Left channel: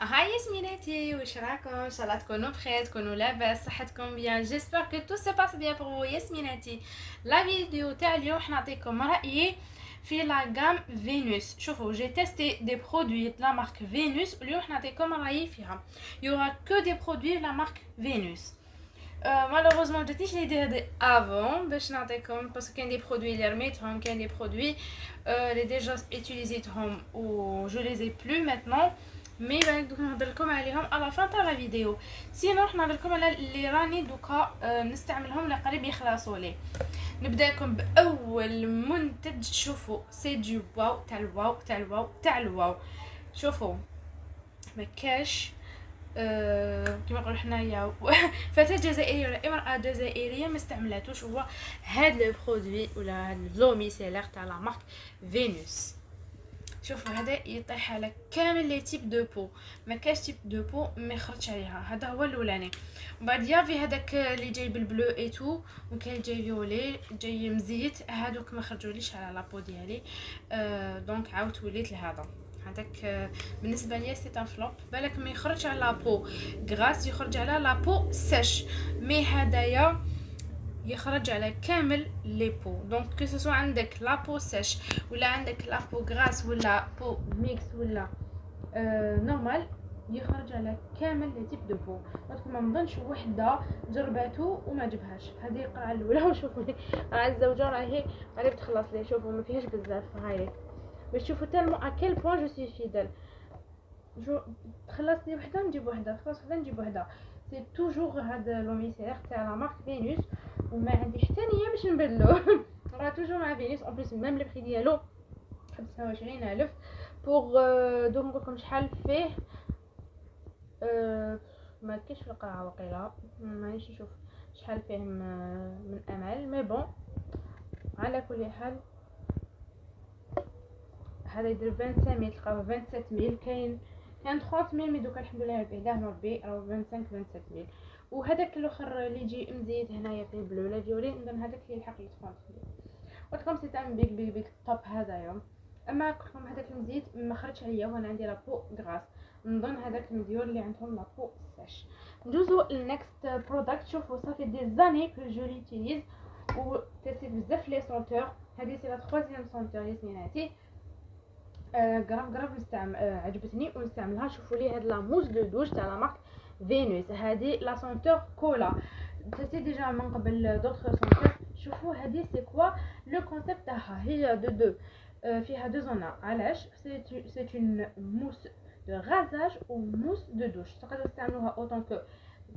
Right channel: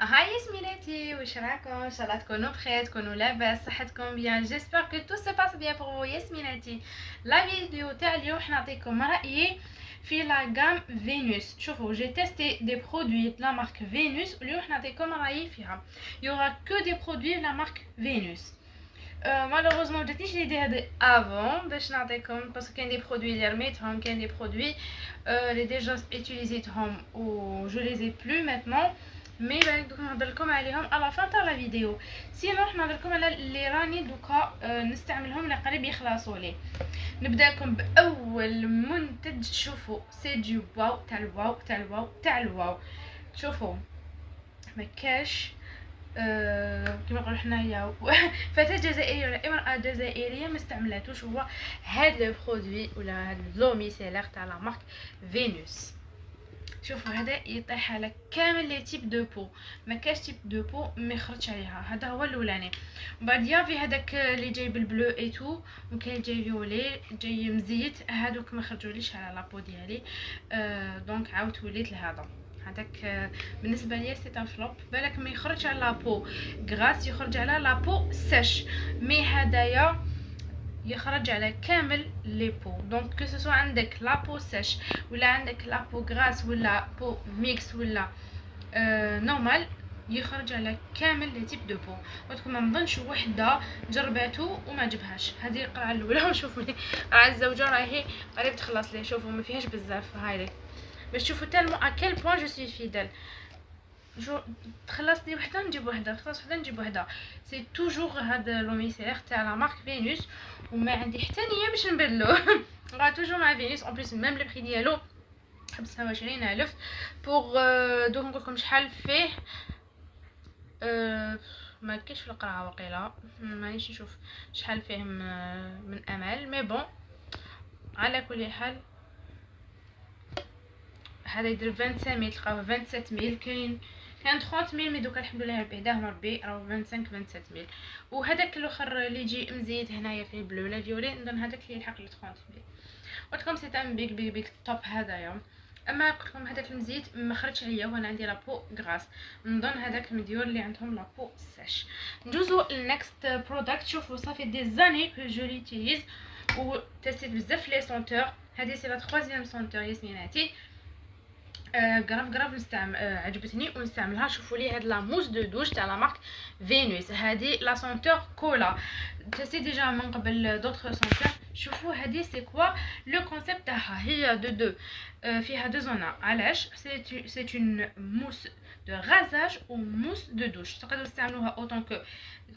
هاي ياسميناتي، واش راكم؟ ان شاء الله تكونوا بخير، تكونوا لاباس، صحتكم بيان. جيسبر كو تو سي باس بيان بور ياسميناتي. لا فيديو تاع اليوم راح نعطيكم رايي في لا غام فينوس. شوفوا جي تيستي دي برودوي لا مارك فينوس، واليوم راح نعطيكم رايي فيها. يورا كو دي برودوي لا مارك فينوس. مالوغوزمون مجاتنيش ليدي هادي افون باش نعطيكم، باسكو كاين دي برودوي اللي رميتهم، كاين دي برودوي اللي ديجا اتيليزيتهم و جو لي زي بلو ماتنون. مي دوك نهضر لكم عليهم على فان تاع لا فيديو. سينو راح نهضر لكم على اللي راني دوكا نستعملهم اللي قريب يخلصوا لي. نبدا لكم باول منتج. شوفوا سي دو واو تاع الواو تاع الواو تاع الواو. شوفوا ما كاش كما نقولوا حنايا فتاة جزائرية ولا امرأة جزائرية ما استعملاتوش هو هاد لو برودوي ولا هاد لو ميسيلير تاع لا مارك فينوس. شوفوا هذا يطيح على كامل لي تيب دو بو، ما كاش تيب دو بو ما يخرجش عليها. هذا هو الاولاني. بعد يافي هذاك اللي جاي بالبلو اي تو، وكاين جاي فيولي جاي مزيت، هذوك ما خرجوليش على لابو ديالي. دونك عاودت وليت لهذا. هذاك بالنسبه ليا سي ان فلوب. بالك ما يخرج على لابو غراس، يخرج على لابو سيش. مي هدايا يخرج على كامل لي بو. دونك كو سوسو عندك لابو سيش ولا عندك لابو غراس ولا بو ميكس ولا نورمال، يخرج على كامل لي تيب دو بو. ودكم ما نظنش وحده جرباتو وما جبهاش. هذه القرعه الاولى. وشوفوا لي القرعه الزوجه راهي قريب تخلص لي. شوفوا ما فيهاش بزاف. هاي لي باش تشوفوا تالمو اكيل بوين جو سوي فيدال. جو تخلص لي وحده نجيب وحده، تخلص وحده نجيب وحده. سي توجور هاد لوميسير تاع لا مارك فينوس، وما عندي حتى نيه باش نبدلو. راه توجور مع فينوس. اون بليس ميم لو بري ديالو 25000 بوغ. دوك نقولكم شحال فيه. ما كاينش في القرعه وقيله، مانيش نشوف شحال فيه من امل. مي بون على كل حال هذا يدير 25000 تلقاوه 27000. كان 30000 مي دوكا الحمد لله بعداهم ربي راهو 25 27000. وهذاك الاخر اللي يجي مزيد هنايا في البلو لا فيولي، نظن هذاك اللي يلحق ل 30000. قلتلكم سي ان بيك بيك بيك توب هذايا. اما قلتلكم هذاك المزيت ما خرجش عليا وانا عندي لابو غراس. نظن هذاك المديور اللي عندهم لابو ساش. ندوزو للنكست برودكت. شوفوا صافي دي زاني كو جو ليوتيليز و تيستيت بزاف لي سونتور. هذه سي لا 3 سونتور ياسميناتي. غراف نستعمل. عجبتني ونستعملها. شوفوا لي هاد لا موس دو دوش تاع لا مارك فينوس. هذه لا سونتور كولا تسي ديجا من قبل دوطخ سونتور. شوفوا هذه سي كوا لو كونسيبت تاعها. هي دو فيها دو زونا. علاش سي اون موس دو غازاج و موس دو دوش. تقدروا تستعملوها اوتون كو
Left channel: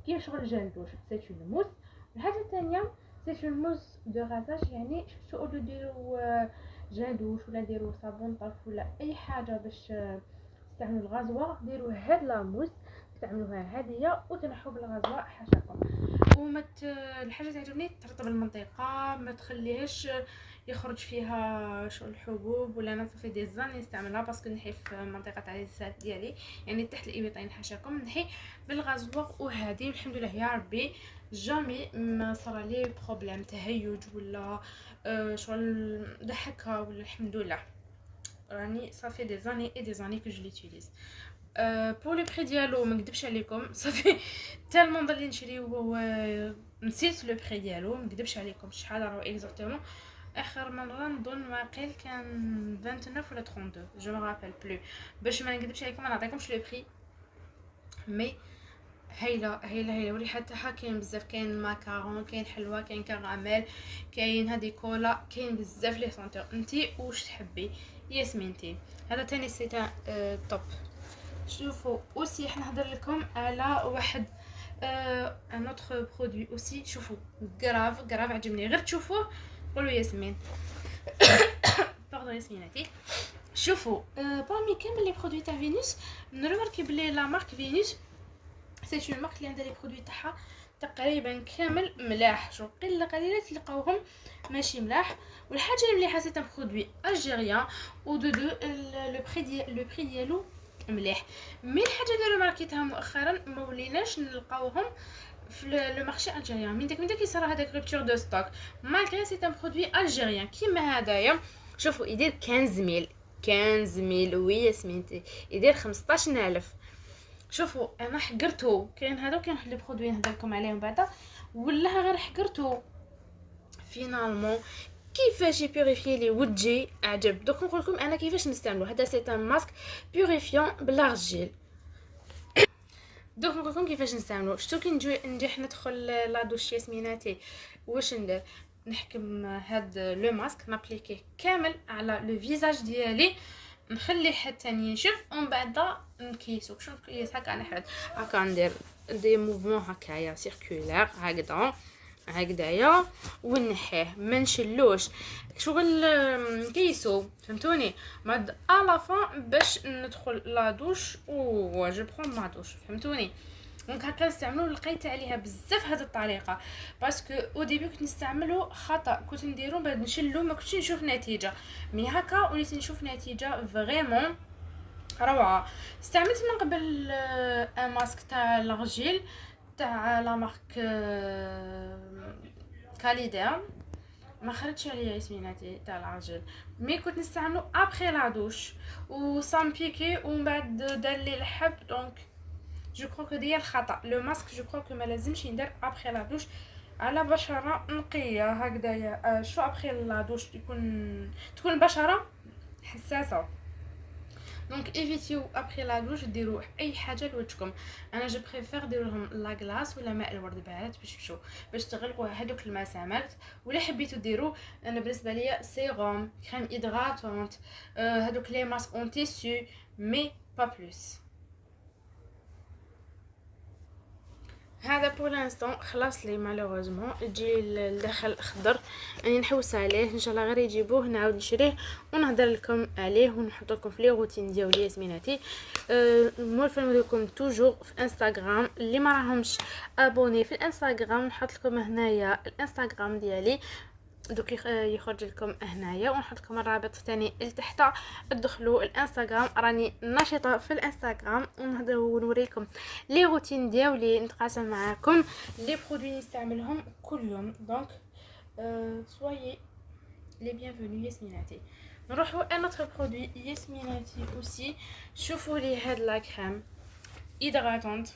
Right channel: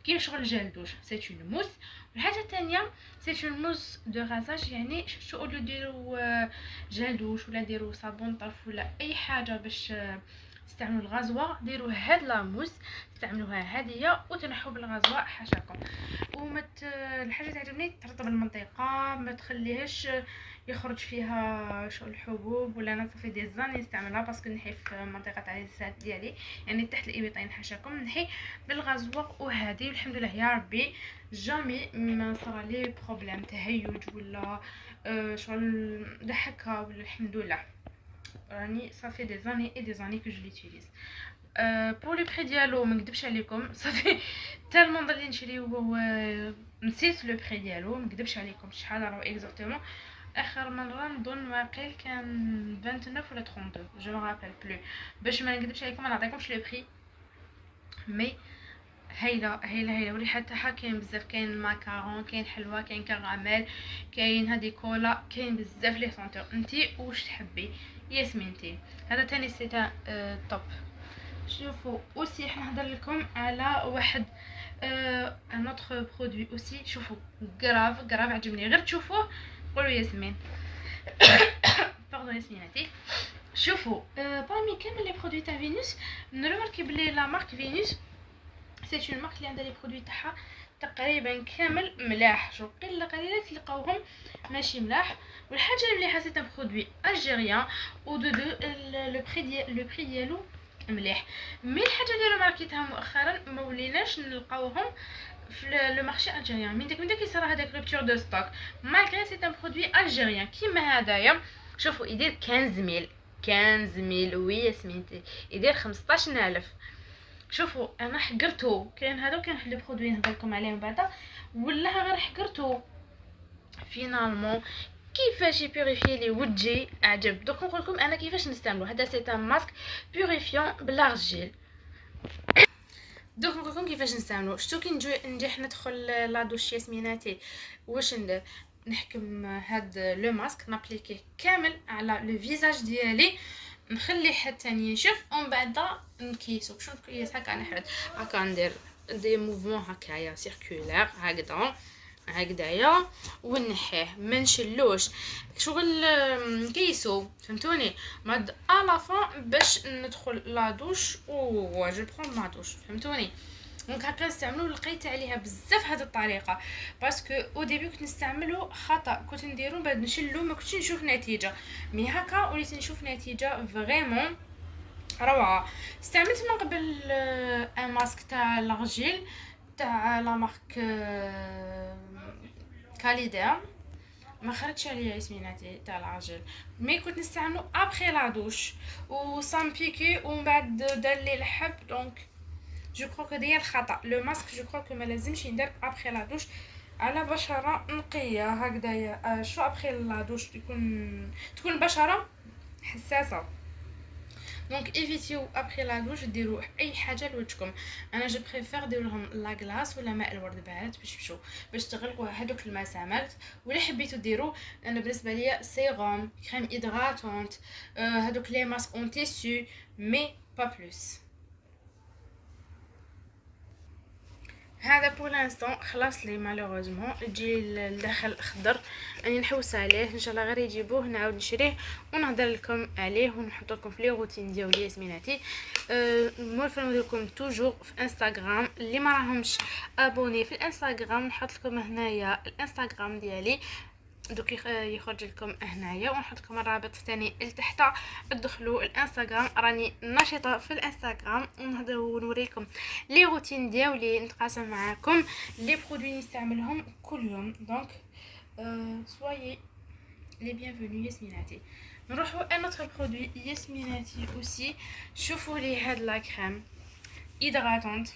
كيما شغل جيل دوش. سي اون موس. الحاجه الثانيه سي اون موس دو غازاج، يعني شو اللي ديروا جيل دوش ولا ديروا صابون طرف ولا اي حاجه باش تستعملوا الغازوا، ديروا هاد لا موس استعملوها هاديه وتنحوا بالغازوا حاشاكم. ومت الحاجه تعجبني ترطب المنطقه، ما تخليهاش يخرج فيها شو الحبوب. ولا انا صافي دي زاني نستعملها باسكو نحي في منطقه تاع اللسان ديالي، يعني تحت الابطين حاشاكم، نحي بالغازوا وهادي. والحمد لله يا ربي جامي ما صرا لي بروبليم تهيج ولا شغل ضحكها. ولا الحمد لله راني صافي دي زاني اي دي زاني كو جو ليوتيليز. بور لو بري ديالو ما نكذبش عليكم صافي تالمون ضلي نشريو نسيت لو بري ديالو. ما نكذبش عليكم شحال راهو اكزاكتومون. اخر مره نظن واقيل كان 29 ولا 32 جو ما رابيل بلو. باش ما نكذبش عليكم ما نعطيكمش لو بري. مي هايله هايله هايله. وريحه تاعها كاين بزاف. كاين ماكارون، كاين حلوى، كاين كراميل، كاين هادي كولا، كاين بزاف لي سونتور. انتي واش تحبي ياسمينتي؟ هذا تاني سيتا توب. شوفوا اوسي احنا نهضر لكم على واحد ان اوتر برودوي اوسي. شوفوا غراف عجبني. غير تشوفوه قولوا ياسمين. باردون ياسميناتي. شوفوا بارمي كامل لي برودوي تاع فينوس نروماركي بلي لا مارك فينوس سي اون مارك اللي عندها لي برودوي تاعها تقريبا كامل ملاح. شو قليله تلقاوهم ماشي ملاح. والحاجه اللي مليحه سي ان برودوي الجيريان و دو لو بري ديالو مليح. مي الحاجه اللي رماركيتها مؤخرا ما وليناش نلقاوهم في لو مارشي الجيريان. من داك يصرا هذاك روبتور دو ستوك مالغري سي ان برودوي الجيريان كيما هذايا. شوفوا يدير 15000 وي ياسمينتي يدير 15000. شوفوا انا حقرته، كاين هذا وكاين واحد لي برودوي نهضر لكم عليهم بعدا ولا غير حقرته فينالمون. كيفاش يبيوريفي لي وجهي عجب. دوك نقول لكم انا كيفاش نستعملو. هذا سي ان ماسك بيوريفيون بلارجيل. دوك نقول لكم كيفاش نستعملو. شتو كي نجي ندخل لا دوش ياسميناتي واش ندير؟ نحكم هاد لو ماسك نابليكيه كامل على لو فيزاج ديالي، نخليه حتى ينشف ومن بعد نكيسو. شنو نكيس هكا نحرد هكا ندير دي موفمون هكايا سيركولير هكذايا ونحيه ما نشلوش شغل نكيسو فهمتوني. بعد الا فون باش ندخل لا دوش و جو برون ما دوش فهمتوني. دونك هكا نستعملو. لقيت عليها بزاف هاد الطريقه باسكو او ديبي كنت نستعملو خطا، كنت نديرو بعد نشلو ما كنتش نشوف نتيجه. مي هكا وليت نشوف نتيجه فريمون روعه. استعملت من قبل ان ماسك تاع لارجيل تاع لا مارك كاليدير، ما خرجش عليا اسميناتي تاع العجل. مي كنت نستعملو ابخي لا دوش و سان بيكي ومن بعد دار لي الحب. دونك جو كرو كو ديال الخطا لو ماسك جو كرو كو ما لازمش يندار ابخي لا دوش على بشره نقيه هكذايا. شو ابخي لا دوش تكون البشره حساسه. دونك ايفيتيو ابخي لا دوش ديروا اي حاجه لوجهكم. انا جو بريفير دير لهم لا غلاس ولا ماء الورد بارد باش تغلقوا هذوك المسامات. ولا حبيتوا ديروا انا بالنسبه ليا سيروم كريم هيدراتونت هذوك لي ماسك اون تيسو مي با بلوس. هذا بور لانستون خلاص لي مالوغوزمون يجي الداخل خضر راني نحوس عليه ان شاء الله غير يجيبوه نعاود نشريه ونهضر لكم عليه ونحط لكم في لي روتين ديالي سميناتي. مولفه نوريكم توجور في انستغرام اللي ما راهمش ابوني في الانستغرام نحط لكم هنايا الانستغرام ديالي دوك يخرج لكم هنايا ونحط لكم الرابط ثاني لتحت. ادخلوا الانستغرام راني نشيطه في الانستغرام ونهضر ونوري لكم لي روتين ديالي نتقاسم معاكم لي برودوي نستعملهم كل يوم. دونك سويي لي بيانفوني ياسميناتي. نروحوا ان اوتر برودوي ياسميناتي اوسي. شوفوا لي هاد لا كريم هيدراتونت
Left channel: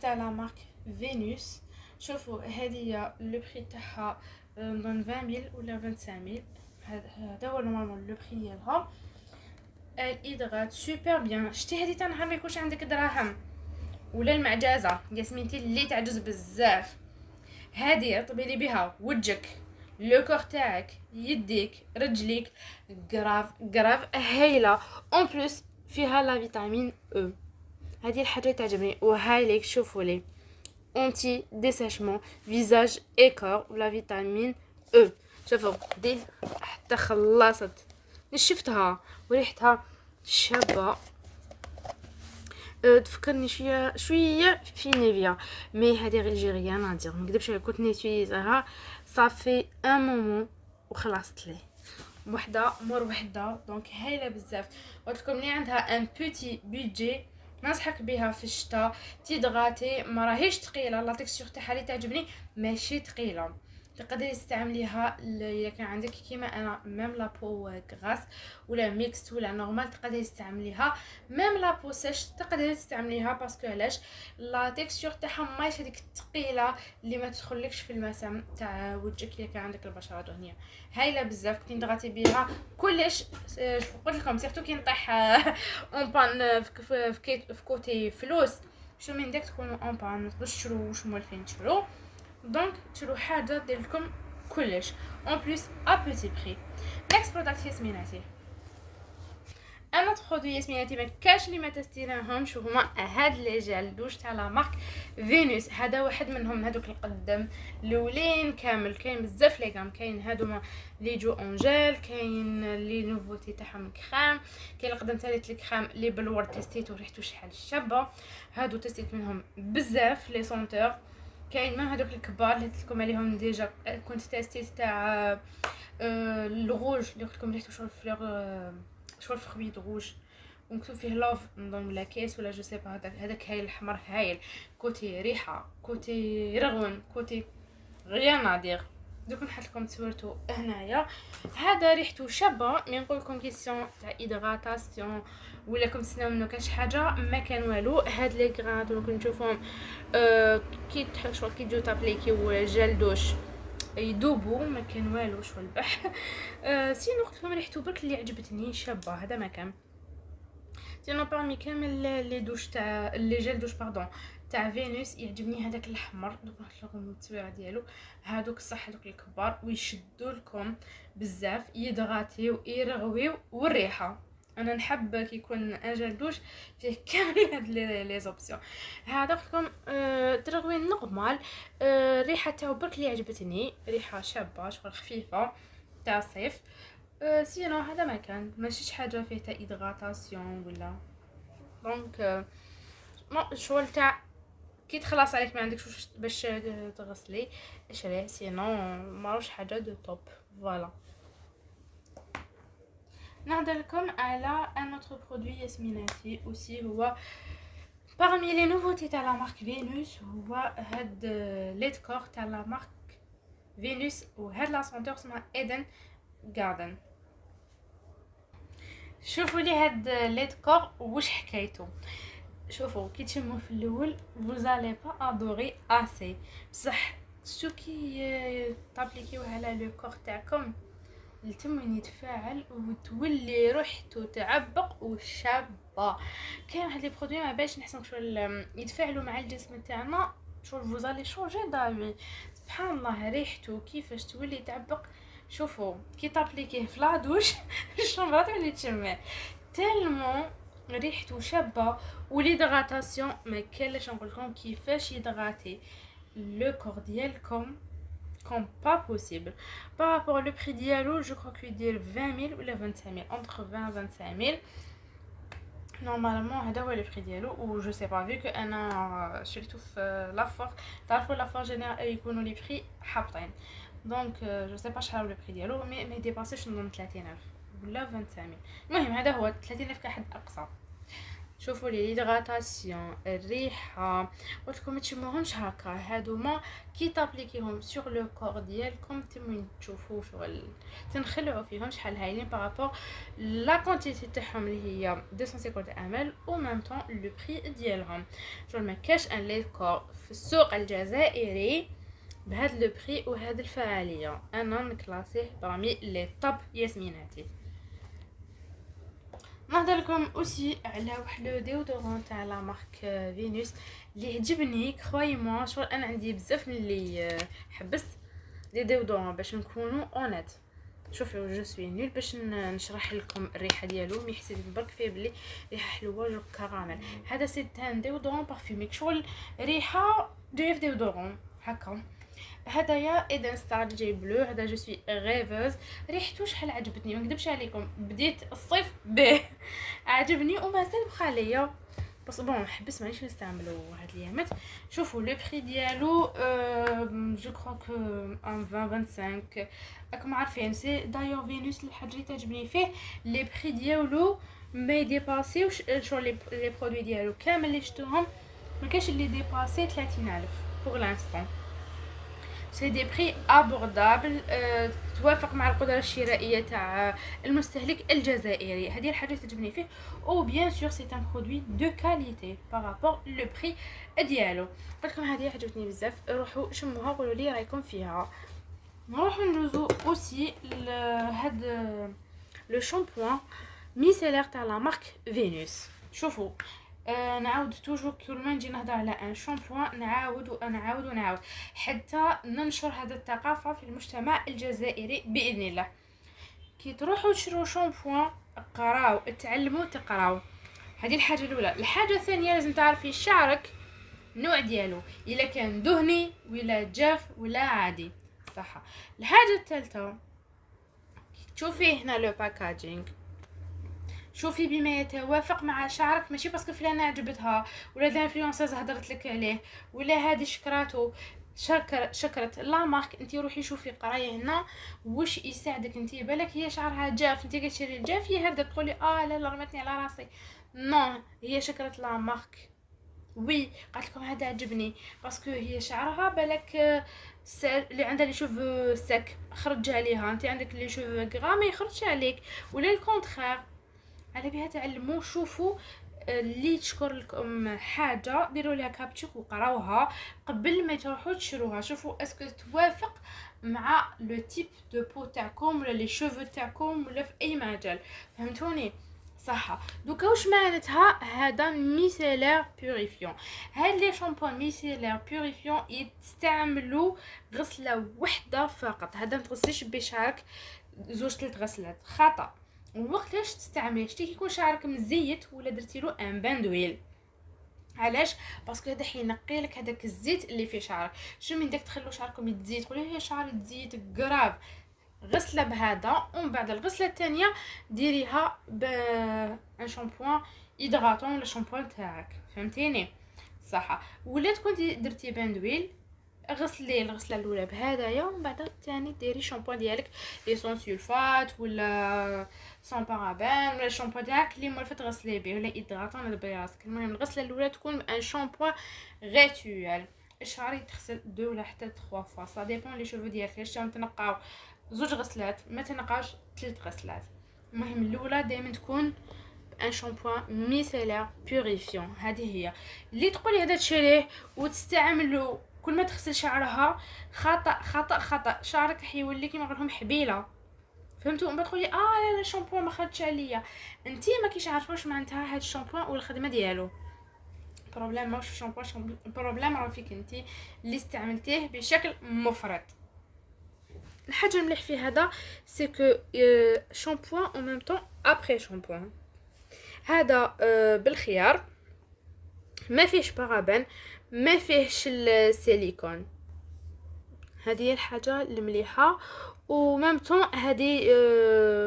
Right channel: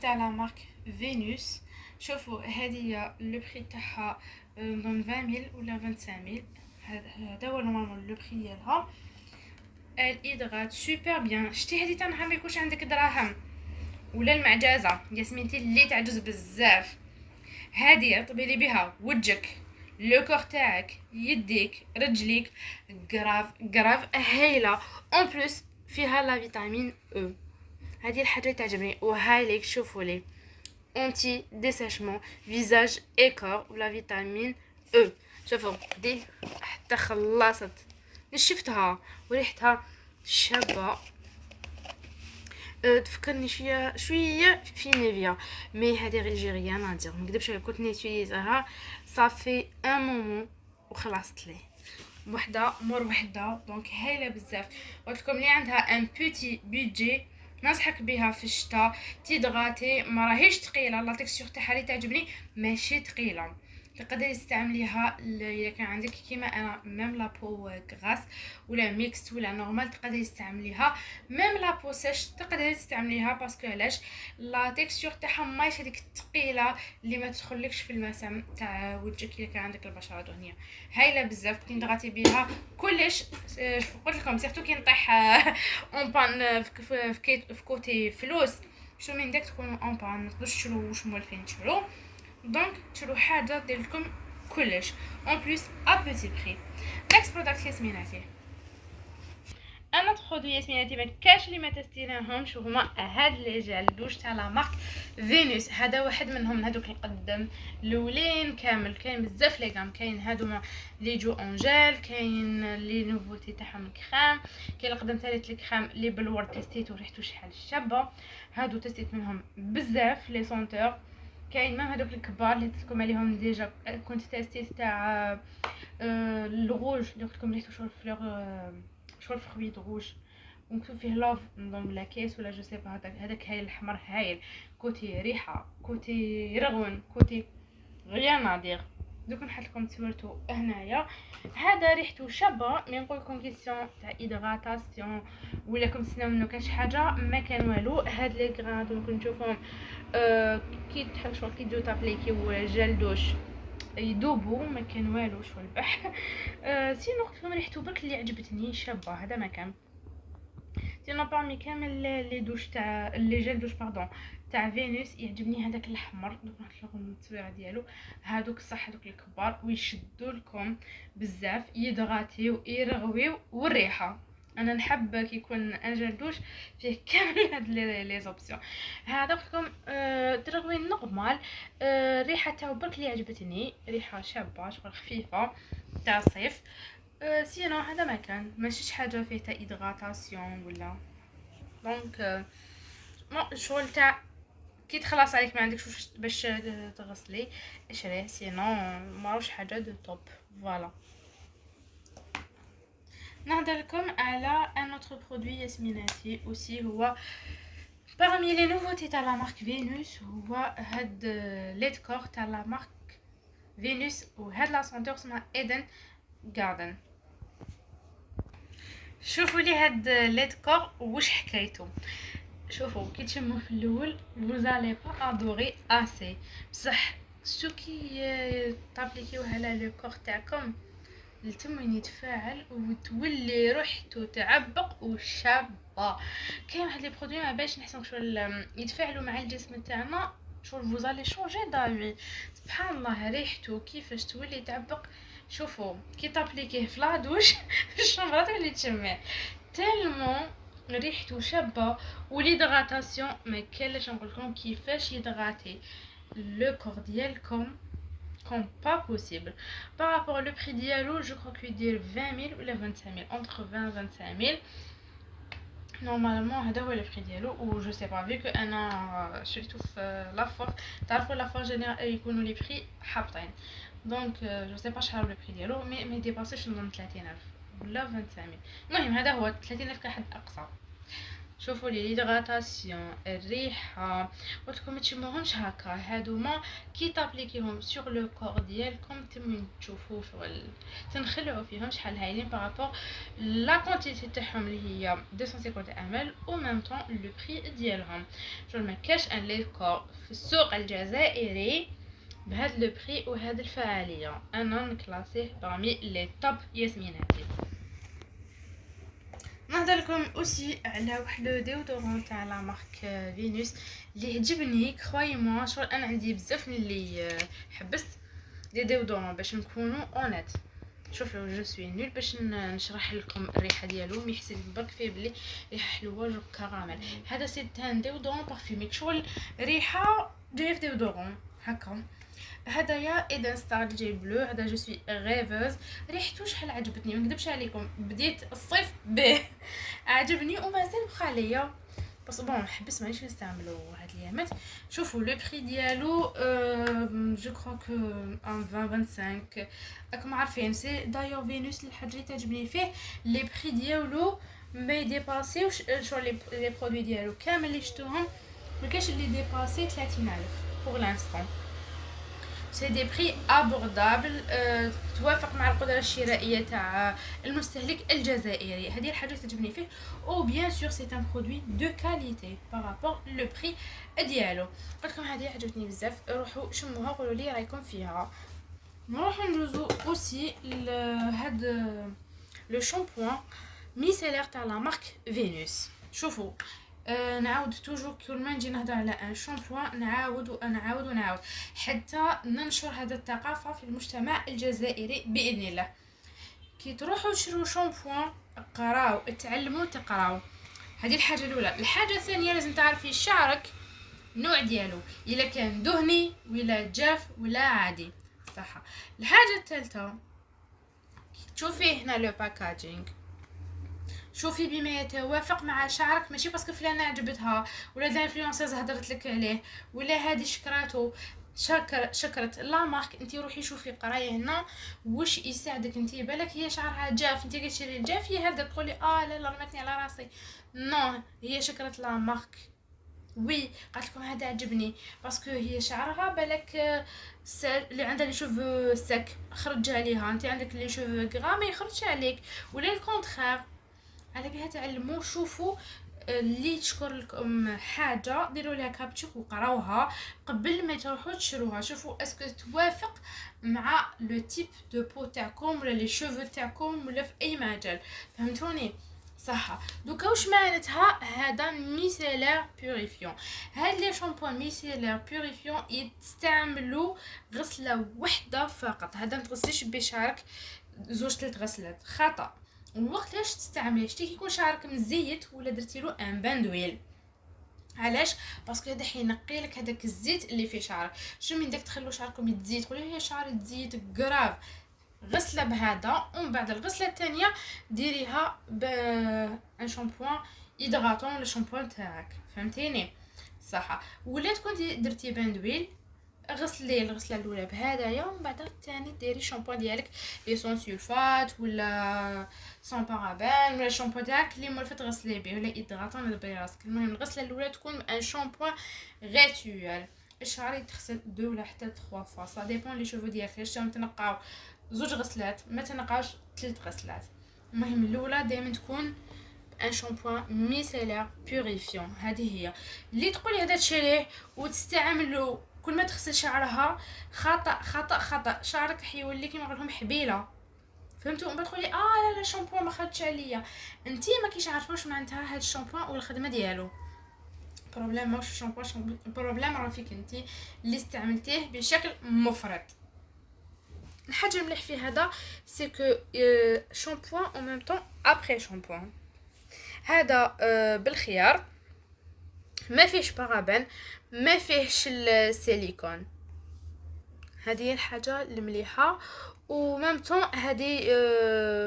تاع لا مارك فينوس. شوفوا هذه لو بري تاعها من 20000 ولا 25000. هذا هو نورمال لو بري ديالها. الادغات سوبر بيان. شتي هذه تاع نهار ما يكونش عندك دراهم ولا المعجزه ياسمينتي اللي تعجز بزاف. هذه طبيلي بها وجهك لو كور تاعك يديك رجليك غراف هايله. اون بلس فيها لا فيتامين او. هذه الحاجه تعجبني وهاي ليك. شوفوا لي انتي ديساشمون فيزاج اي كور ولا فيتامين او. شوفوا دي حتى خلصت نشفتها وريحتها شابه. تفكرني شويه في نيفيا مي هذه غير جيريان نادير ما نكذبش كنت نيتيليزاها صافي ان مومون وخلصت لي وحده مور وحده. دونك هايله بزاف. قلت لكم اللي عندها ان بوتي بيدجي ننصحك بها في الشتاء. تيدغاتي ما راهيش ثقيله لا تكستور تاعها اللي تعجبني ماشي ثقيله. تقدري تستعمليها الا كان عندك كيما انا ميم لابو غراس ولا ميكست ولا نورمال تقدري تستعمليها. ميم لابو سيش تقدري تستعمليها باسكو علاش لا تكستور تاعها ماشي هذيك الثقيله اللي ما تدخلكش في المسام تاع وجهك الا كان عندك البشره دهنيه. هايله بزاف كي ندغاتي بها كلش. قلت لكم سيرتو كي نطيح اون بان في كوتي فلوس شو من داك تكونوا اون بان ما تقدروش تشرو واش مولفين تشرو. دونك تشرو حاجه دير لكم كلش اون بليس ا بوتي بري. نيكست برودكت ياسميناتي. انا برودوي ياسميناتي ما كاش اللي ما تستيناهمش وهما هاد لي جال دوش تاع لا مارك فينوس. هذا واحد منهم هذوك القدم الاولين كامل. كاين بزاف لي غام كاين هادوما لي جو اونجيل كاين لي نوفوتي تاعهم الكريم كاين القدم ثالث الكريم لي بالورد تيستيتو ريحتو شحال شابه. هادو تستيت منهم بزاف لي سونتور. كاين ما هذوك الكبار اللي قلت لكم عليهم ديجا كنت تيستيت تاع الروج اللي قلت لكم ريحتو شغل فلور شغل فروي روج ومكتوب فيه لوف نظن لا كيس ولا جو سي با. هذاك هايل الاحمر هايل كوتي ريحه كوتي رغون كوتي غير نادير. دوك نحط لكم تصورتو هنايا. هذا ريحته شابه، مي نقول لكم كيسيون تاع ايدغاتاسيون ولا كنت تسناو منه كاش حاجه، ما كان والو. هاد لي غران دوك نشوفهم كي تحشوا كي تجو تابليكيو جل دوش يدوبوا، ما كان والو شو البح. سينو قلت لكم ريحته برك اللي عجبتني شابه، هذا ما كان. سينو بارمي كامل لي دوش تاع لي جيل دوش باردون تاع فينوس يعجبني هذاك الاحمر. دوك نحط لكم التصويره ديالو. هادوك صح هادوك الكبار ويشدوا لكم بزاف، يدغاتيو يرغويو، والريحه انا نحب كي يكون ان جيل دوش فيه كامل هاد لي زوبسيون. هذا قلت لكم ترغوي نورمال. الريحه تاعو برك اللي عجبتني، ريحه شابه شغل خفيفه تاع الصيف. سينو هذا ما كان ماشيش حاجه فيه تاع ايدغاتاسيون ولا دونك شغل تاع كي تخلص عليك ما عندكش باش تغسلي اشريه، سينو ماروش حاجه دو توب. فوالا نهضر لكم على ان اوتر برودوي ياسميناتي اوسي، هو parmi les nouveautés تاع لا مارك فينوس، هو هاد ليد كور تاع لا مارك فينوس، وهاد لا سونتور اسمها ايدن جاردن. شوفوا لي هاد ليد كور واش حكايته. شوفوا كي تشموه في الاول فوزالي با ادوري اسي، بصح شو كي تابليكيوه على لو كور تاعكم التم وين يتفاعل وتولي ريحته تعبق وشابه. كاين واحد لي برودوي ما باش نحسن شغل يتفاعلوا مع الجسم تاعنا، شغل فوزالي شونجي دافي. سبحان الله ريحته كيفاش تولي تعبق. شوفوا كي تابليكيه في لا دوش الشمبه تولي تشمع تالمون ريحته شابه. وليدغاتاسيون ما كاينلاش نقول لكم كيفاش يدغاتي لو كور ديالكم comme pas possible. Par rapport au prix dialo, je crois qu'il dit 20 000 ou 25 000, entre 20 et 25 000. Normalement, هذا هو البري ديالو. و جو سي با في كو انا شريته في لافور، تعرفوا لافور جينيرال يكونوا لي بري حابطين، دونك جو سي با شحال هو البري ديالو، مي ما يديباسيش من 30000 ولا 25000. المهم هذا هو 30000 كحد اقصى. شوفوا لي ليدغاتاسيون، الريحه، قلتلكم تشموهمش هكا، هادوما كي تابليكيهم سور لو كور ديالكم تمين تشوفوا شغل تنخلعوا فيهم شحال هايلين بارابور لا كونتيتي تاعهم اللي هي 250 ml او ميم طون لو بري ديالهم. شغل ما كاش ان لي كور في السوق الجزائري بهذا لو بري وهذه الفعاليه، انا نكلاسيه بارمي لي توب ياسميناتي. نهضر لكم اوسي على واحد لو ديودورون تاع لا مارك فينوس اللي عجبني كخوي موا. شغل انا عندي بزاف من اللي حبست لي ديودورون باش نكونوا اونيت. شوفوا جو سوي نول باش نشرح لكم الريحه ديالو، مي حسيت برك فيه بلي ريحه حلوه جو كراميل. هذا سي تان ديودورون بارفيميك، شغل ريحه جايه في ديودورون هكا. هدايا ايدن ستار جاي بلو، هذا جو سوي ريفوز. ريحته شحال عجبتني ما نكذبش عليكم، بديت الصيف به عجبني ومازال بقى ليا، بس بون حبس مانيش نستعملو هاد الايامات. شوفوا لو بري ديالو جو كرو كو ان 25 راكم عارفين. سي دايو فينوس الحاجه اللي تعجبني فيه لي بري ديالو ما يديباسيوش شو لي برودوي ديالو كامل اللي شفتهم ما كاش اللي ديباسي 30000 بور لانستون. سي دي بري ابوردابل توافق مع القدره الشرائيه تاع المستهلك الجزائري. هذه الحاجه اللي تعجبني فيه. او بيان سور سي ان برودوي دو كاليتي بارابور لو بري ديالو. لكم هذه عجبتني بزاف، روحوا شموها قولوا لي رايكم فيها. نروحوا ندوزو اوسي هاد لو شامبوان ميسيلير تاع لا مارك فينوس. شوفوا نعاود توجو كل ما نجي نهضر على ان شامبوان نعاود ونعاود حتى ننشر هذا الثقافه في المجتمع الجزائري باذن الله. كي تروحوا تشرو شامبوان قراو تعلموا تقراو، هذه الحاجه الاولى. الحاجه الثانيه لازم تعرفي شعرك النوع ديالو، الا كان دهني ولا جاف ولا عادي، صح. الحاجه الثالثه تشوفي هنا لو باكاجينغ، شوفي بما يتوافق مع شعرك، ماشي باسكو فلانه عجبتها ولا الانفلونساز هضرت لك عليه ولا هذه شكراته شكرت لا مارك. انت روحي شوفي قرايه هنا واش يساعدك. انت بالك هي شعرها جاف، انت كتشري الجاف هي هكذا تقولي لا رمتني على راسي. نو، هي شكرت لا مارك وي قالت لكم هذا عجبني باسكو هي شعرها بالك اللي عندها لي شوفو سك خرج عليها، انت عندك لي شوفو غرا ما يخرجش عليك، ولا الكونترير. على بها تعلموا. شوفوا اللي تشكر لكم حاجه ديروا لها كابتشر وقراوها قبل ما تروحوا تشروها. شوفوا اسكو توافق مع لو تيب دو بو تاعكم ولا لي شوفو تاعكم ولا في اي مجال. فهمتوني صح؟ دوكا واش معناتها هذا ميسيلير بيوريفيون. هاد لي شامبو ميسيلير بيوريفيون يستعملوا غسله وحده فقط. هذا ما تغسلش بشعرك زوج ثلاث غسلات، خطا. وقتاش تستعمليه شتي كيكون شعرك مزيت ولا درتي له ان بان دويل. علاش؟ باسكو هذا حينقي لك هذاك الزيت اللي في شعرك. شو من داك تخلو شعركم يتزيت تقولوا هي شعري تزيت كراف، غسله بهذا ومن بعد الغسله الثانيه ديريها ان شامبوان هيدراتون للشامبوان تاعك. فهمتيني صح؟ ولا تكون درتي بان دويل غسلي الغسله الاولى بهدايا ومن بعد الثاني ديري الشامبو ديالك لي سون سولفات ولا سون بارابين ولا الشامبو تاعك اللي مولفه تغسلي به ولا هيدراتون ولا براسك. المهم الغسله الاولى تكون ان شامبو غيتوال. الشعر يتغسل 2 ولا حتى 3 فوا سا ديبون لي شوفو ديالك. واش تنقاو زوج غسلات ما تنقاش 3 غسلات. المهم الاولى دائما تكون ان شامبوان ميسيلير بيوريفيون. هذه هي اللي تقولي هذا تشريه وتستعملوا كل ما تغسل شعرها. خطا خطا خطا، شعرك حيولي كيما نقول لكم حبيله. فهمتوا؟ ما تقولي لا الشامبو ما خدش عليا. انتي ما كيش عارفوش معناتها هاد الشامبو والخدمه ديالو. بروبليم ماش الشامبو، بروبليم راه فيك انتي اللي استعملتيه بشكل مفرط. الحاجه المليح في هذا سي كو شامبو او ميم طون ابري شامبو. هذا بالخيار، ما فيهش بارابين، ما فيهش السيليكون. هذه هي الحاجه المليحه. و ميم طون هذه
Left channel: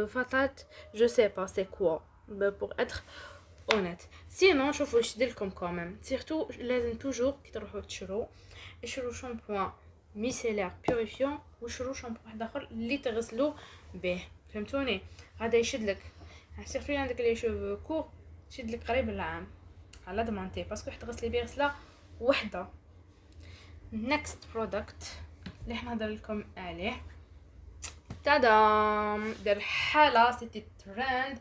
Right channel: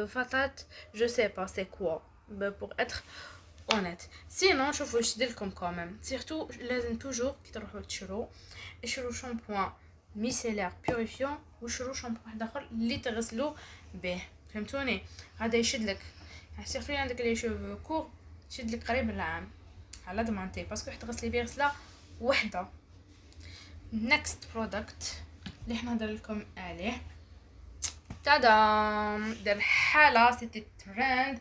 فاتات جو سي با سي كوا بور اتر اونيت. سينون شوفوا واش ديرلكم كوميم. سيرتو لازم توجور كي تروحوا تشرو شامبوان ميسيلير بيوريفيون وشرو شامبو واحد اخر اللي تغسلوا به. فهمتوني؟ هذا يشدلك سيرتو عندك لي شوفو كور يشدلك قريب العام على ضمانتي باسكو حتى غسلي بيه غسله وحده. نيكست برودكت اللي حنا نهضر لكم عليه تادام دار حاله سيتي ترند.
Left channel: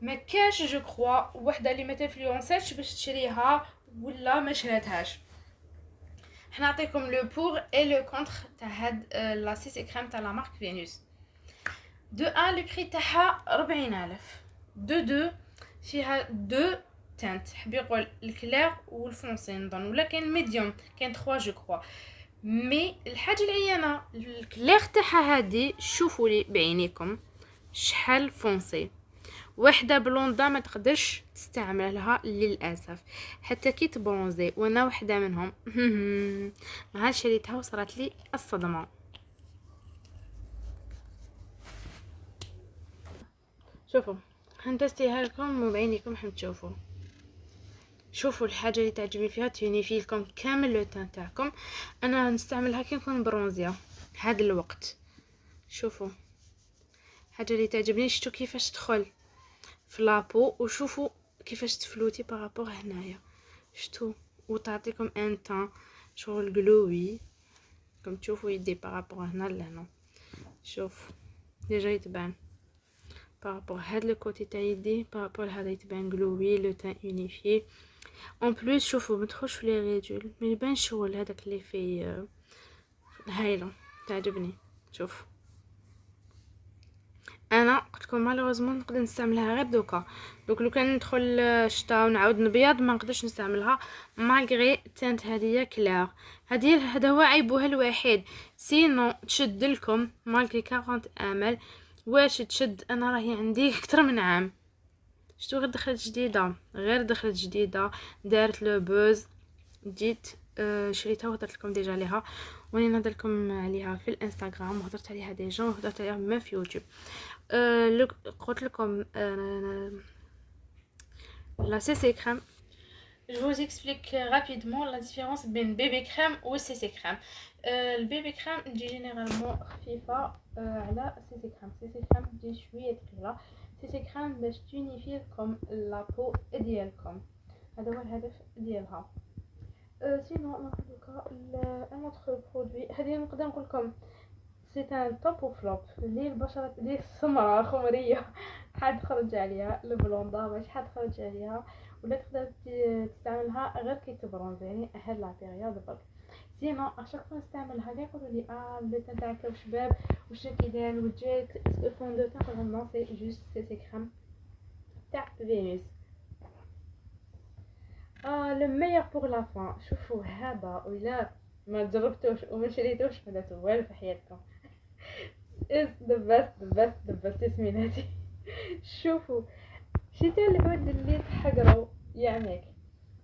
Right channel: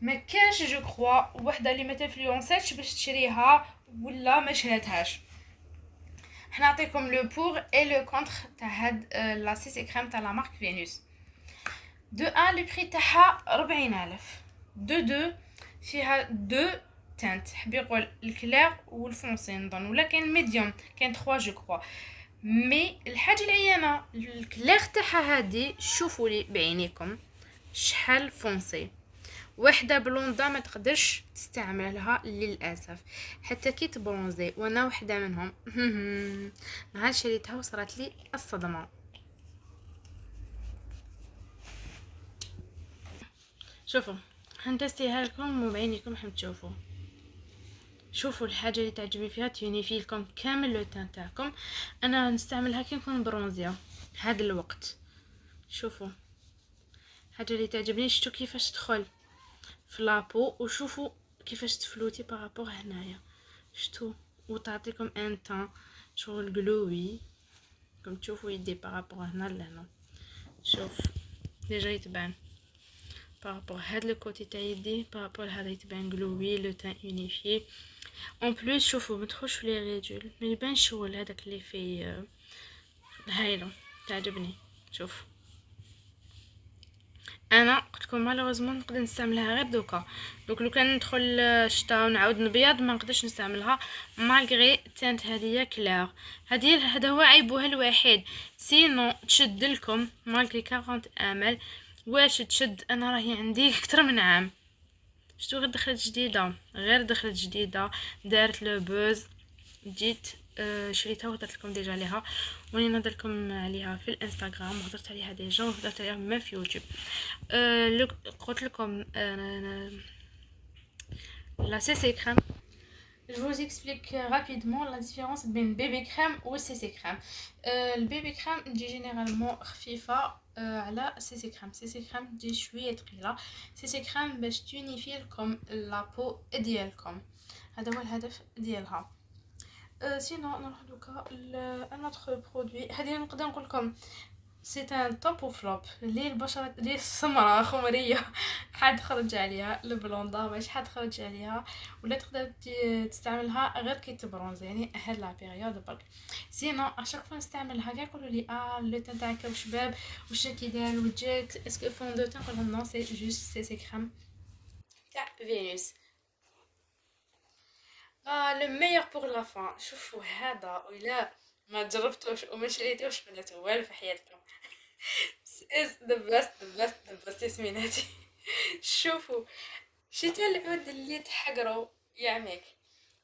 ما كانش جو كروا وحده اللي ما تنفلونساتش باش تشريها ولا ما شراتهاش. حنا نعطيكم لو بور اي لو كونتر تاع هاد لا سيسي كريم تاع لا مارك فينوس. دو ان لو بري تاعها 40000. دو فيها دو تانت، حب يقول الكلير والفونسي نظن، ولا كاين الميديوم كاين 3 جو كروا. مي الحاجه العيانه الكلير تاعها هادي شوفوا لي بعينيكم شحال فونسي. وحده بلوندا ما تقدرش تستعملها للاسف حتى كي تبرونزي، وانا وحده منهم. نهار شريتها وصارت لي الصدمه. شوفوا هنتستيها لكم وبعينيكم حم تشوفوا. شوفوا الحاجه اللي تعجبني فيها تونيفي لكم كامل لو تان تاعكم. انا نستعملها كي نكون برونزيه هذا الوقت. شوفوا الحاجه اللي تعجبني شفتوا كيفاش تدخل في لابو وشوفوا كيفاش تفلوتي بارابور هنايا شتو وتعطيكم ان تان شغل جلوي كم تشوفوا يدي بارابور هنا لهنا. شوف ديجا يتبان بارابور هاد لو كوتي تاع يدي بارابور هذا يتبان جلوي لو تان يونيفي اون بليس. شوفوا ما تدخلش في لي ريدول ما يبانش شغل هذاك اللي في هايله تعجبني. شوف انا قلت لكم مالوزمون نقدر نستعملها غير دوكا. لو كان ندخل الشتاء ونعاود نبيض ما نقدرش نستعملها مالغري تانت هذه كلير. هذا هو عيبها الوحيد. سينو تشد لكم مالغري 40 امل. واش تشد؟ انا راهي عندي اكثر من عام. شتو غير دخلت جديده دارت لو بوز. جيت شريتها وهضرت لكم ديجا عليها وني نهضر لكم عليها في الانستغرام وهضرت عليها ديجا وهضرت عليها ما في يوتيوب. قلت لكم la CC crème. Je vous explique rapidement la différence بين بيبي كريم و CC كريم. البيبي كريم تجي جينيرالمون خفيفه على CC كريم. CC كريم تجي شويه ثقيله. CC كريم باش تونيفي لكم لابو ديالكم. هذا هو الهدف ديالها. سينو نروح دوكا ان اوتر برودوي. هذه نقدر نقول لكم سي ان توب وفلوب اللي البشره اللي السمراء خمريه حد خرج عليها البلوندا ماشي حد خرج عليها، ولا تقدر تستعملها غير كي تبرونزي يعني هاد لا بيريود برك. سينو اشاك فوا نستعملها كاع يقولوا لي لو تان تاعك واش شباب واش كيدير لوجهك اسكو فون دو تان، نقول لهم نو سي جوست سي كريم تاع فينوس. لو ميور بور لا فان. شوفوا هذا ولا ما جربتوش وما شريتوش ولا والو في حياتكم. is the best ياسميناتي. شوفوا شتي العود اللي تحقروا يعمك.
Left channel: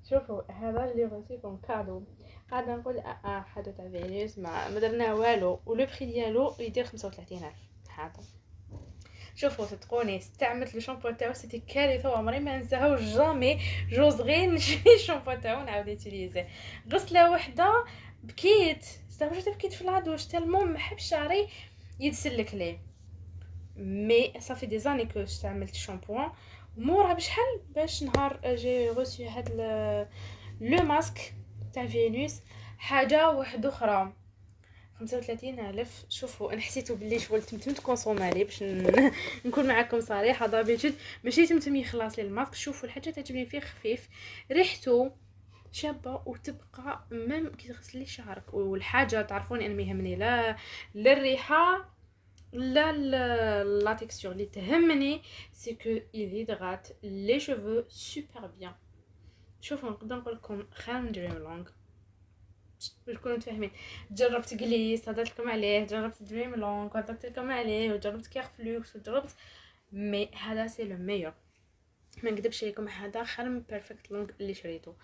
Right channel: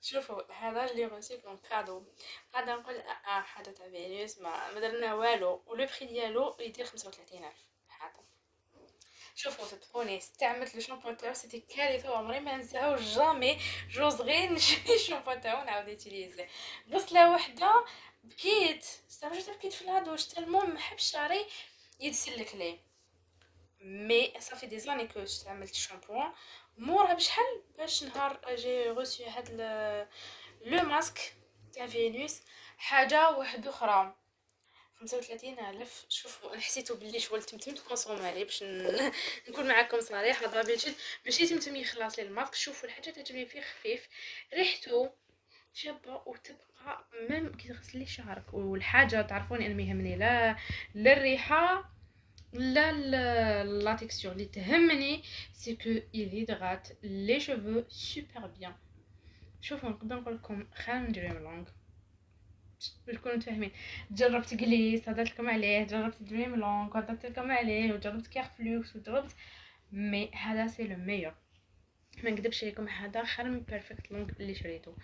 شوفوا هذا اللي غوسيكم كادو، قاعده نقول حاجه تاع فينوس ما درنا والو، ولو بري ديالو يدير 35,000 هذا. شوفوا صدقوني استعملت لو شامبو تاعو سيتي كارثه وعمري ما ننساهو جامي. جوز غير نشري الشامبو تاعو نعاود يوتيليزي. غسله وحده بكيت استغربت بكيت في لادوش تالمو محب شعري يتسلك ليه. مي صافي دي زاني كو استعملت الشامبوان مورا بشحال باش نهار جي غوسي هاد لو ماسك تاع فينوس حاجه واحده اخرى 35,000. شوفوا انا حسيتو بلي شغل تمتمت كونسومالي باش نكون معكم صريحه دابيتود ماشي تمتم يخلص لي الماسك. شوفوا الحاجه تعجبني فيه خفيف ريحته شابه وتبقى ميم كي تغسلي شعرك. والحاجه تعرفوني انا ما يهمني لا الريحه لا لا تيكستور اللي تهمني سي كو يهيدغات لي شوفو سوبر بيان. شوفوا نقدر نقول لكم خير من دريم لونغ باش تكونوا فاهمين. جربت جليس هضرت لكم عليه، جربت دريم لونغ هضرت لكم عليه، وجربت كيرفلوكس وجربت، مي هذا سي لو ميور. ما نكذبش عليكم هذا خير من بيرفكت لونغ اللي شريته.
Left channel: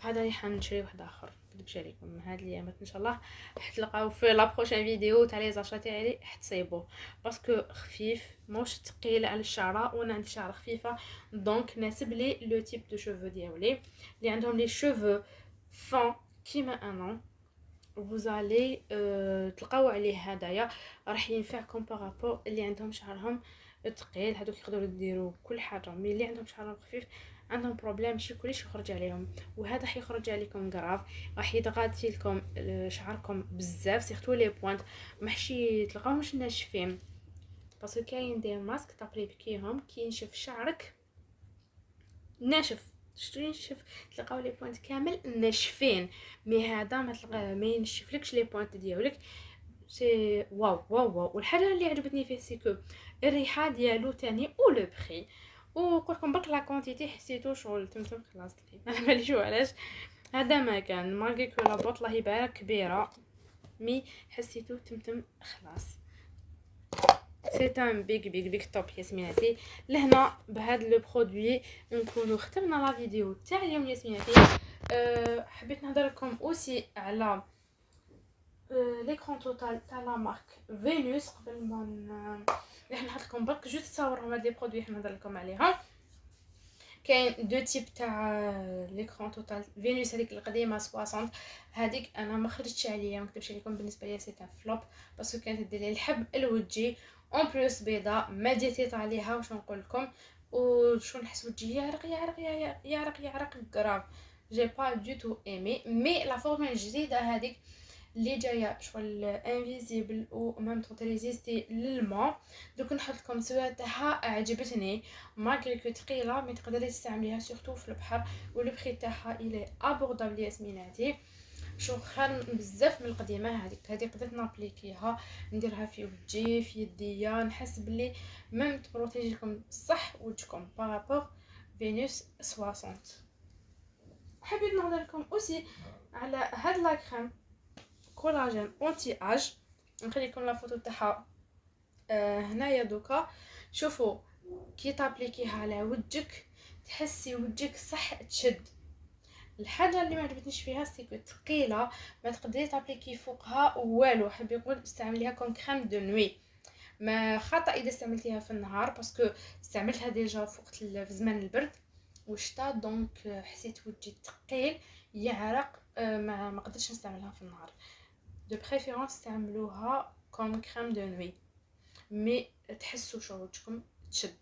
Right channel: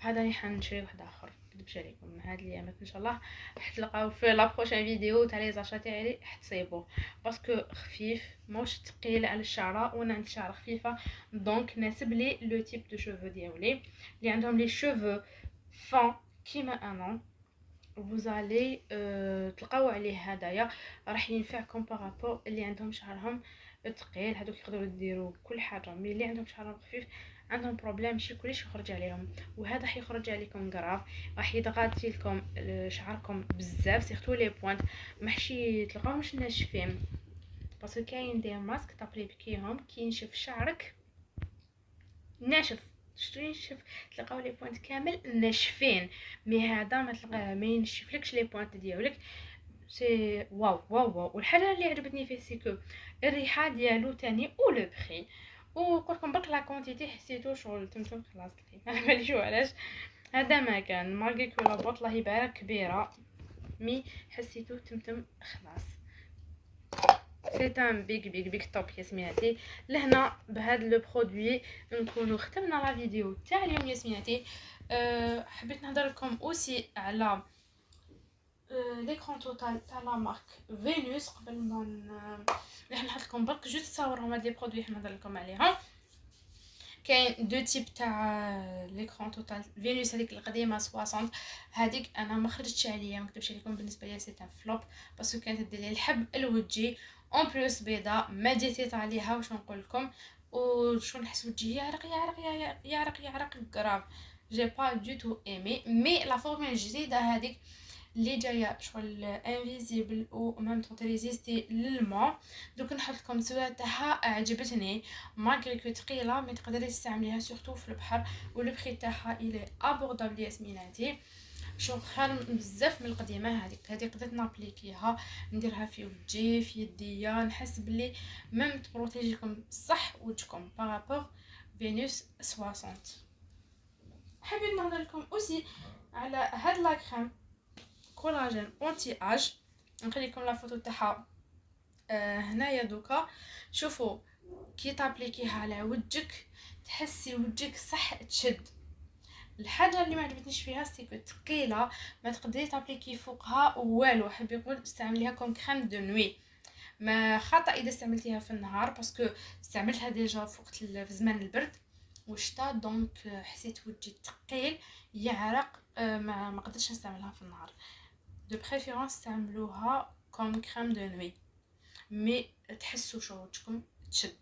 هذا اللي حنشري واحد اخر نكذبش عليكم هاد الايامات ان شاء الله حتلقاو في لا بروشين فيديو تاع لي زاشا تاعي حتصيبوه باسكو خفيف موش ثقيل على الشعره، وانا عندي شعر خفيفه دونك ناسب لي لو تيب دو شوفو ديالي اللي عندهم لي شوفو فون كيما انا. vous allez تلقاو عليه هدايا راح ينفعكم بارابور اللي عندهم شعرهم ثقيل. هذوك يقدروا يديروا كل حاجه، مي اللي عندهم شعرهم خفيف عندهم بروبليم ماشي كلش يخرج عليهم، وهذا حيخرج عليكم غراف راح يضغط لكم شعركم بزاف سيرتو لي بوينت ماشي تلقاوهمش ناشفين باسكو كاين دي ماسك تابليكيهم كي ينشف شعرك ناشف شتو ينشف تلقاو لي بوينت كامل ناشفين، مي هذا ما تلقاه ما ينشفلكش لي بوينت ديالك سي واو واو واو. والحاجه اللي عجبتني فيه سيكو الريحه ديالو تاني او لو بري، وقولكم برك لا كونتيتي حسيتو شغل تمتم خلاص لي ما باليش علاش هذا ما كان مالغي كو لا بوط الله يبارك كبيره مي حسيتو تمتم خلاص. سي ان بيج توب ياسميناتي. لهنا بهذا لو برودوي نكونوا ختمنا لا فيديو تاع اليوم ياسميناتي. حبيت نهضر لكم اوسي على ليكرون توتال تاع لا مارك فينوس قبل ما راح نحط لكم برك جوست صورهم هاد لي برودوي حنا نهضر لكم عليهم. كاين دو تيب تاع ليكرون توتال فينوس هذيك القديمه 60 هذيك انا ما خرجتش عليا ما نكذبش عليكم بالنسبه ليا سي ان فلوب باسكو كانت دير لي الحب الوجهي اون بلوس بيضاء ما ديتيت عليها واش نقول لكم وشو نحس وجهي يعرق غراف جي با دو تو ايمي. مي لا فورمول الجديده هذيك اللي جايه شغل انفيزيبل و ميم طون ريزيستي للماء دوك نحط لكم الصوره تاعها عجبتني ماغري كو ثقيله مي تقدري تستعمليها سورتو في البحر ولو بري تاعها الي ابوردابل ياسميناتي شغل خير بزاف من القديمه. هذيك قدرت نابليكيها نديرها في وجهي في يديا نحس بلي ميم تبروتيجيكم صح وجهكم بارابور فينوس 60. حبيت نهضر لكم اوسي على هاد لا كريم كولاجين اونتي اج نخلي لكم لا فوتو تاعها هنايا دوكا. شوفوا كي تابليكيها على وجهك تحسي وجهك صح تشد. الحاجه اللي ما عجبتنيش فيها سيكو ثقيله ما تقدري تابليكي فوقها والو. حب يقول استعمليها كوم كريم دو نوي ما خطا اذا استعملتيها في النهار باسكو استعملتها ديجا في وقت في زمان البرد وشتا دونك حسيت وجهي ثقيل يعرق ما قدرتش نستعملها في النهار. دو بريفيرونس استعملوها كوم كريم دو نوي مي تحسوا شو وجهكم تشد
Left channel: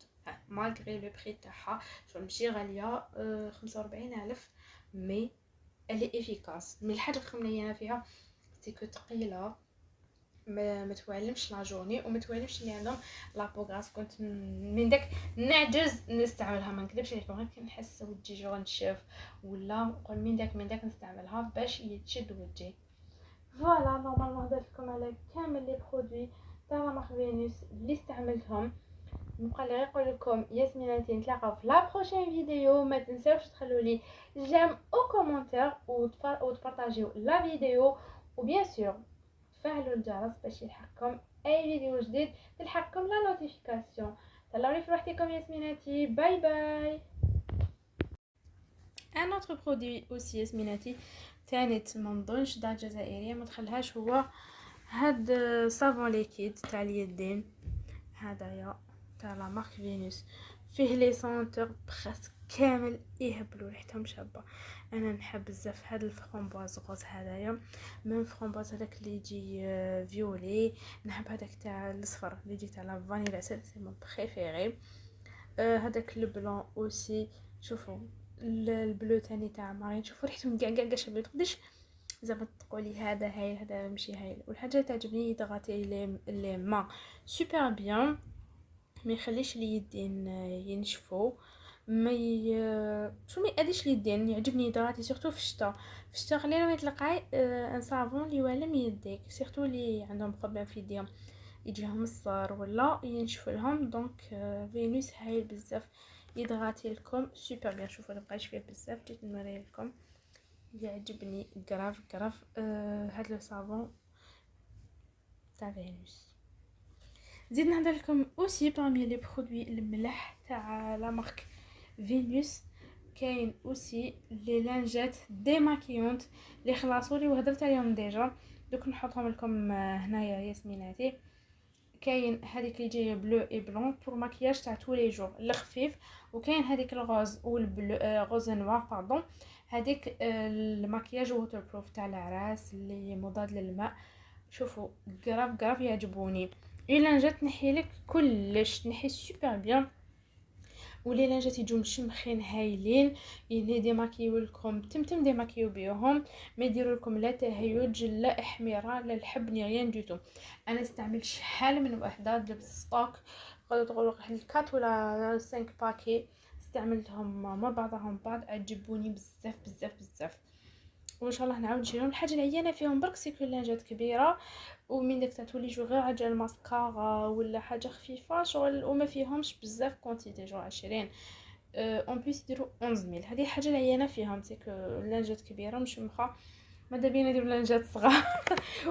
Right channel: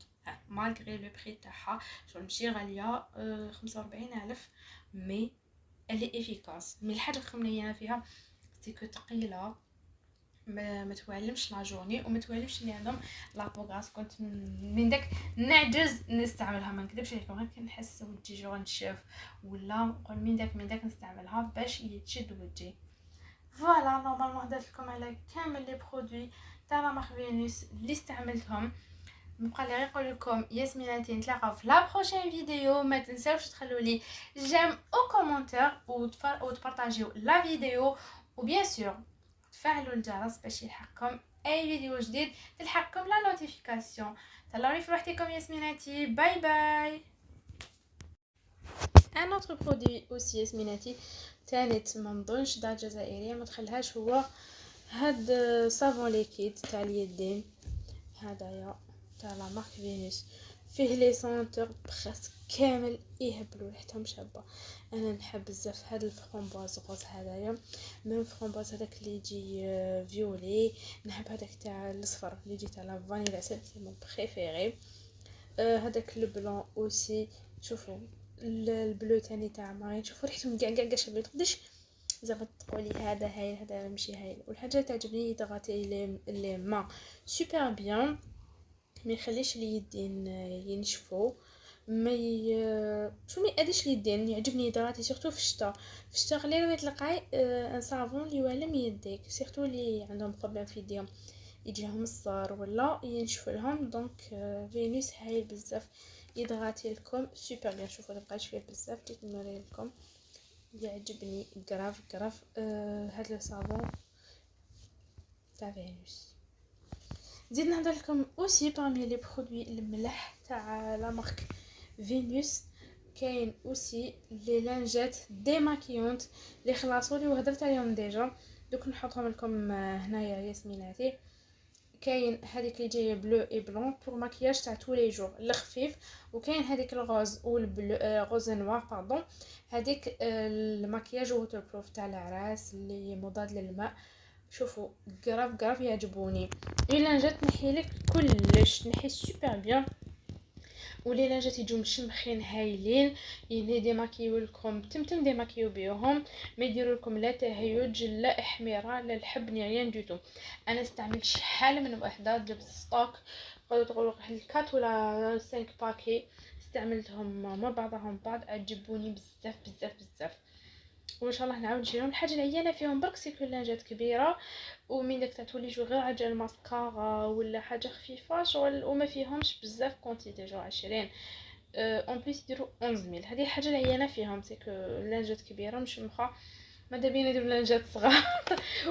مالغري لو بري تاعها شو ماشي غاليه 45,000 مي الي افيكاس. مي الحاجه الخمنيه فيها سيكو ثقيله، ما توالمش لا جورني وما توالمش اللي عندهم لابوغاس. كنت من داك نعجز نستعملها، ما نكذبش عليكم، غير كنحس وجهي جو نشف ولا نقول من داك نستعملها باش يتشد وجهي. فوالا نورمالمون هدرت لكم على كامل لي برودوي تاع لا مارك فينوس اللي استعملتهم. نبقى لي نقول لكم ياسميناتي نتلاقاو في لا بروشين فيديو. ما تنساوش تخلوا لي جيم او كومونتير وتبارطاجيو لا فيديو، وبيان سور تفعلوا الجرس باش يلحقكم اي فيديو جديد، تلحقكم لا نوتيفيكاسيون. تهلاو في وحدكم ياسميناتي، باي باي. ان اوتر برودوي اوسي ياسميناتي تانيت ما نظنش دار جزائريه ما تخليهاش، هو هاد صابون ليكيد تاع اليدين هدايا تاع لا مارك فينوس، فيه لي سونتور بريسك كامل يهبلوا ريحتهم شابه. انا نحب بزاف هاد الفرامبواز غوز هدايا، من فرامبواز هذاك اللي يجي فيولي، نحب هذاك تاع الاصفر اللي يجي تاع لا فانيلا، سي مون بريفيري. هذاك البلون اوسي، شوفوا البلو تاني تاع مارين، شوفوا ريحتهم كاع شابه. تقدرش زعما تقولي هذا هايل هذا ماشي هايل. والحاجه تعجبني يضغطي لي ما سوبر بيان، ما يخليش اليدين ينشفوا، ما شو ما يأذيش اليدين. يعجبني يضغطي سورتو في الشتاء. في الشتاء خلينا يتلقاي ان صابون اللي يوالم يديك، سورتو اللي عندهم بروبليم في يديهم يجيهم الصار ولا ينشف لهم. دونك فينوس هايل بزاف يضغطي لكم سوبر بيان. شوفوا مابقاش فيه بزاف، جيت نوري لكم، يعجبني كراف هاد لو صابون تاع فينوس. زيد نهضر لكم اوسي بارمي لي برودوي الملح تاع لا مارك فينوس، كاين اوسي لي لانجات ديماكيونت اللي خلاصوا لي وهضرت عليهم ديجا، دوك نحطهم لكم هنايا ياسميناتي. كاين هذيك اللي جايه بلو اي بلون بور ماكياج تاع تو لي جور الخفيف، وكاين هذيك الغوز والبلو غوز نوار باردون، هذيك الماكياج ووتر بروف تاع العراس اللي مضاد للماء. شوفوا كراف يعجبوني. الا جات نحيلك كلش تنحي سوبر بيان، ولي لانجات يجوا مشمخين هايلين، اللي ديماكيو لكم تمتم ديماكيو بيهم، ما يديروا لكم لا تهيج لا احمرار لا الحب ني ريان دوتو. انا استعملت شحال من وحده جبت ستوك، قالوا تقولوا واحد 4 ولا 5 باكي، استعملتهم مع بعضهم بعض، عجبوني بزاف. وان شاء الله نعاود نشريهم. الحاجه العيانه فيهم برك سيكو لانجات كبيره، ومن داك تاع تولي جو غير عجل الماسكارا ولا حاجه خفيفه شغل، وما فيهمش بزاف كونتيتي جو 20 اون بليس يديروا 11000. هذه حاجه العيانه فيهم سيكو لانجات كبيره مش مخا، ماذا بينا نديروا لانجات صغار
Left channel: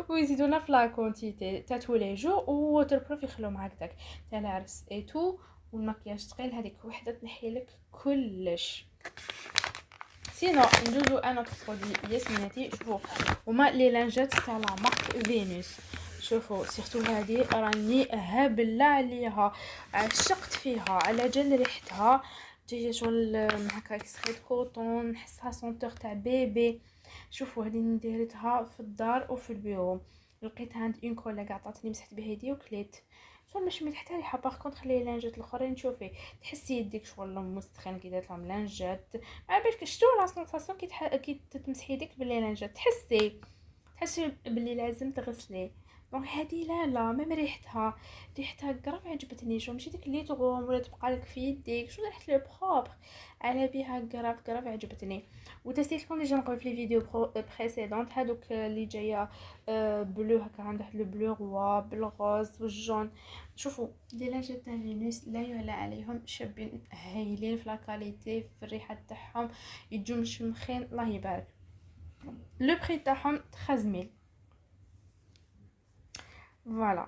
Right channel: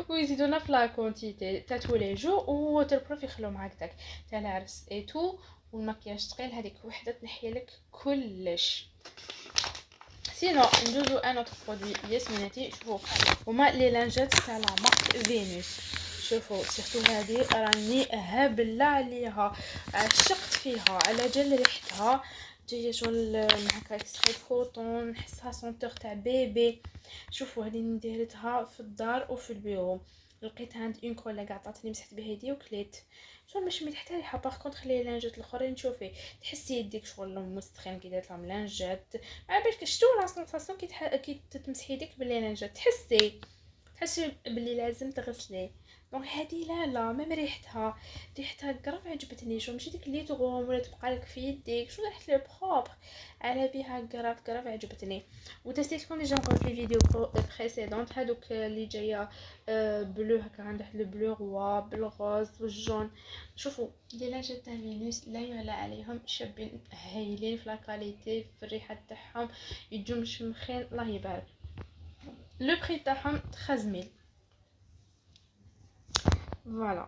ويزيدونا في لا كونتيتي تاع تولي جو، ووتر بروف يخلو معاك داك تاع العرس اي تو، والمكياج ثقيل هذيك وحده تنحي لك كلش. سينو ندوزو ان اوتر برودوي ياسميناتي. شوفوا هما لي لانجات تاع لا مارك فينوس، شوفوا سيرتو هذه راني هابله عليها، عشقت فيها على جال ريحتها جايه شغل هكا اكستري كوطون، نحسها سونتور تاع بيبي. شوفوا هذه نديرتها في الدار وفي البيرو، لقيتها عند اون كولا عطاتني مسحت بها يدي وكليت. شو مش مليح حتى ريحه. باغ كونطخ لي لانجات الاخرين شوفي تحسي يديك شغل مستخن كي دات لهم لانجات، ما بالك شتو لا سونساسيون كي تمسحي يديك باللي لانجات تحسي باللي لازم تغسلي. دونك هذه لا ميم ريحتها كراف عجبتني. شو ماشي ديك اللي تغوم ولا تبقى لك في يديك، شو ريحه لي بروبر على بها كراف عجبتني. وتسيت لكم ديجا نقول في الفيديو بريسيدونت هذوك اللي جايه بلو هكا عند واحد البلو روا بالغوز والجون. شوفوا لي لانجات تاع فينوس لا يعلى عليهم، شابين هايلين في لا كاليتي في الريحه تاعهم، يجوا مشمخين الله يبارك. لو بري تاعهم 13000. فوالا.